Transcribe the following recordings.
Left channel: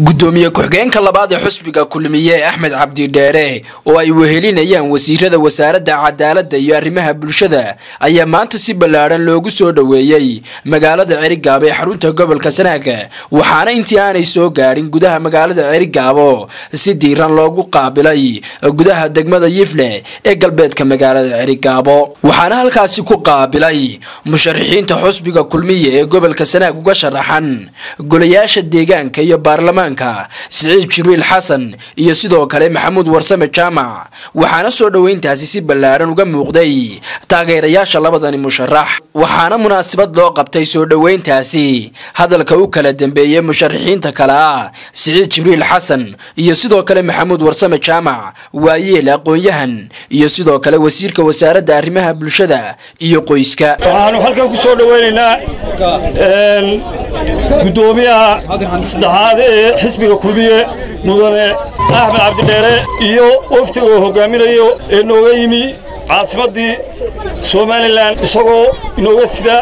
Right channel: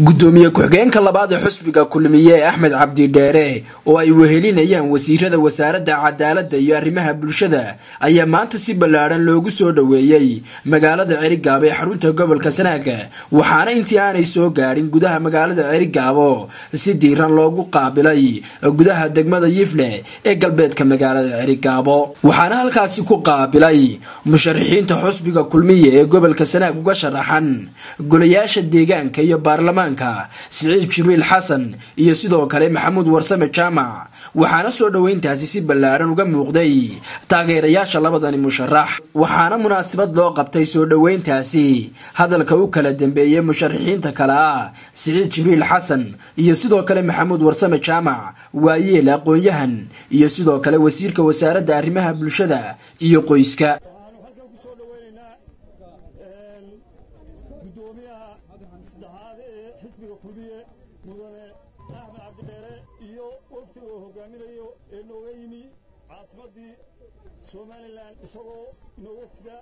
gudoomiye ku-xigeenka labaad ee xusbiga kulmiye Axmed Cabdi Dheere oo ay wehelinayaan wasiirada wasaaradda cadaaladda iyo arrimaha bulshada ayaa maanta si ballaaran loogu soo dhaweeyay magaalada Cerigabo ee xarunta gobolka Sanaag waxaana intii aanay soo gaarin gudaha magaalada Cerigabo si diiran loogu qaabilay gudaha degmada Yifle ee galbeedka magaalada Cerigabo waxaana halkaasi ku qaabilay musharaxiinta xusbiga kulmiye ee gobolka Sanaag uga sharaxan golayaasha deegaanka iyo baarlamaanka سعيد جبريل حسن iyo sidoo kale Maxamuud Warsame Jaamac waxaana soo dhaweyntaasi si ballaaran uga muuqday taageerayaasha labadani musharax waxaana munaasabad loo qabtay soo dhaweyntaasi hadalka uu kala dambeeyay musharaxiinta kala Sacid Jibriil Xasan iyo sidoo kale Maxamuud Warsame Jaamac waayeel aqoonyahan iyo sidoo kale wasiirka wasaaradda arrimaha bulshada iyo qoyska waxaanu halkan ku soo dhaweynaynaa gudoomiyaha saddexaad xisbiga kulmiye mudane Axmed Cabdi Dheere iyo waftiga uu hogaaminayo ee nooga yimi caasimadii Soomaaliland isagoo inooga sida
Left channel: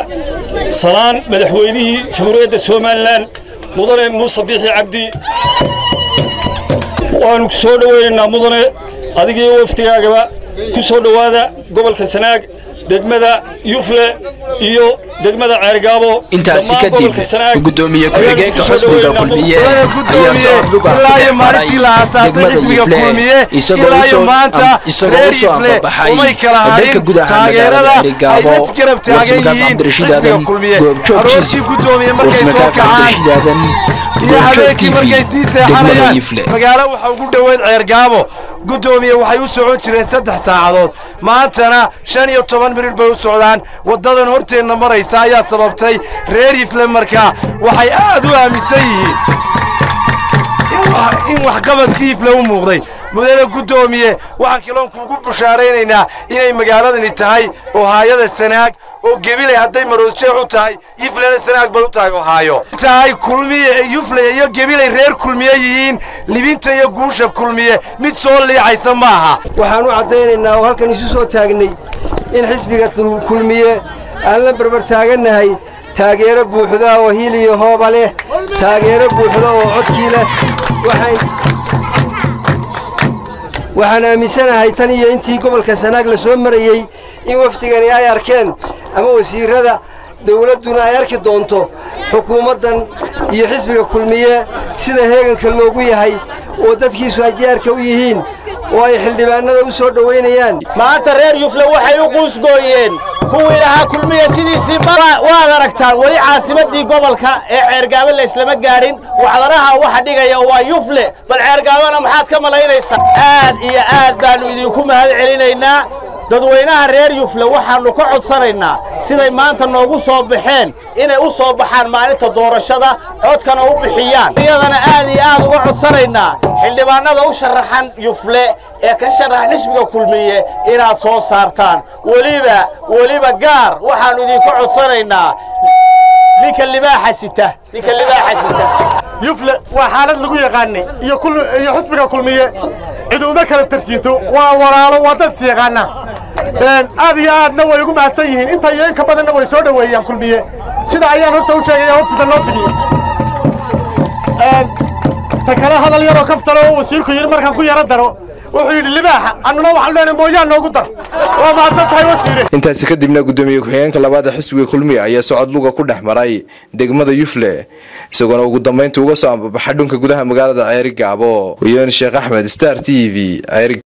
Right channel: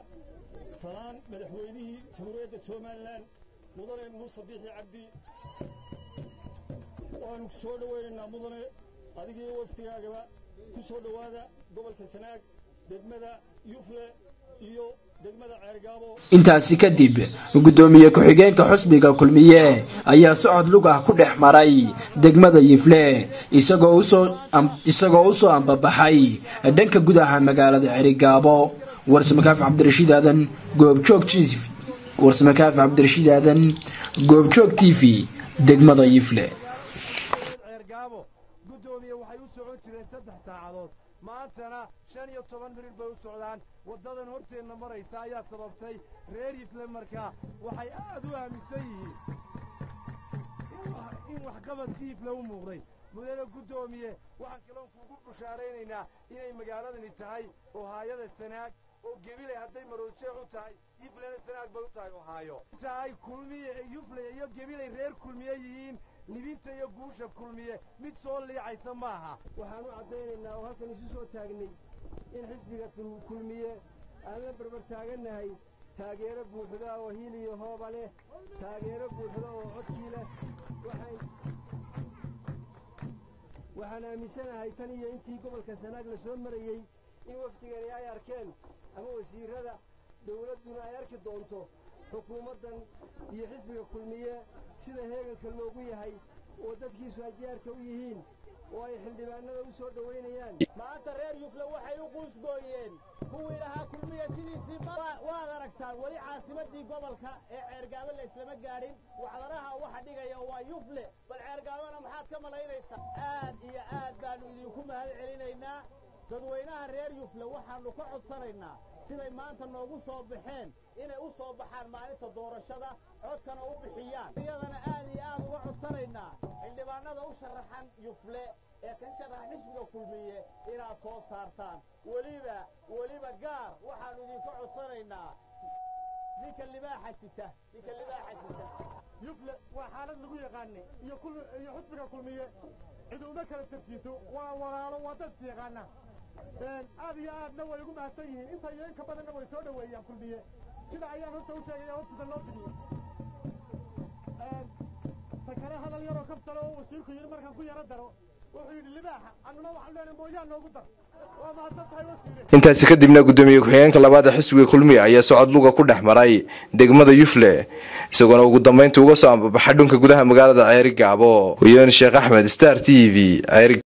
salaan madaxweynihii jamhuuriyadda Soomaaliland mudane Muuse Biixi Cabdi waanu soo dhaweynaynaa mudane adiga iyo waftigaagaba ku soo dhawaada gobolka Sanaag degmada Yufle iyo degmada Cerigabo intaasi kadib gudoomiye ku-xigeenka xusbiga kulmiye ayaa soo luga maray degmada Yifle isagoo soo ambabaxay dalka gudaha magaalada Cerigabo warsamaka Cabdirashiid Aadan goobjoog TV degmada Yifle magaalo waxa ugu dhaweyd Cerigabo gudoomiye waxay u socon jireen 3 saacadood maantana 15 minute bay u socdaan wadadan horteena maraysa ayaa sababtay reer Yifle markaa waxay aad u aaminsan yihiin in wax qabadkii Yifle u muuqday mudane gudoomiye waxaan kiloon kuugu bushaareynaa inay magaaladani tahay oo hay'adda Sanaag oo Gabiley haday maroodjeex u tahay Yifle Sanaag bay u tahay oo haayo tahay kulmiye Yifle iyo Gabiley reer kulmiye yihiin libinta iyo guusha kulmiye mid soo leexaysa maaha waxaan u cadeynaynaa oo halkan isu soo taagnay in xisbiga kulmiye aan la barbar taaganahay taageero buuxda oo hiil iyo hooba leh taageero buuxda oo codkii leh waxaan aaminsanahay tan iyo intii gobolka Sanaag la soo marayay in waftigani ay arkeen ama wasiirada dawladuna ay arki doonto xukuumadan iyo xisbiga kulmiye sida heeganka loogu yahay oo dadkiisu ay diyaarka u yihiin oo ay xildhibaanada u soo dhaweynayaan maanta reer Yufle waxay u qoysgooyeen kuwii lahaa kulmiye sidiisii waad aragtaan wali caasimadii gobolka ee Cerigabo la islama gaarin waxdaraha waxa dhigaya waa Yufle bal Cerigabona maxaad ka malaynaysaa aad iyo aad baanu idinku mahad celinaynaa dadweynaha reer Yufle waxaanu ka codsanaynaa siday maanta noogu soo baxeen inay u soo baxaan maalinta doorashada codkana u bixiyaan iyadana aad iyo aad uga codsanaynaa xildhibaanada u sharaxan Yufle ee ka sharaxan xisbiga kulmiye inaad soo saartaan waliba gaar waxaanu idinku codsanaynaa ninka libaaxa sita Yufle waa xaalad lagu yaqaanay iyo xisbiga kulmiye ciiduma kala tarjiinto waa walaalo wada siiqana aad iyo aadna way ugu mahadsan yihiin inta yeen ka badanna way soo dhaweeyaan kulmiye sida ayaan horta u sheegay wafda loo tagi takala hadal yar oo kaftaro wasiirku yiri markaan ku yara daro wuxuu yiri libaaxa annuna waxaan leenahay mooyaan noogu dar waa mahadsan tahay wasiire intaasi kadibna gudoomiye ku-xigeenka labaad ee xisbiga kulmiye ayaa socod luga ku dhaxmaray degmada Yufle isagoo ugu dambeyntii uga soo ambabaxay dhulka gudaha magaalada Cerigabo iyo Sheekh Axmed Star TV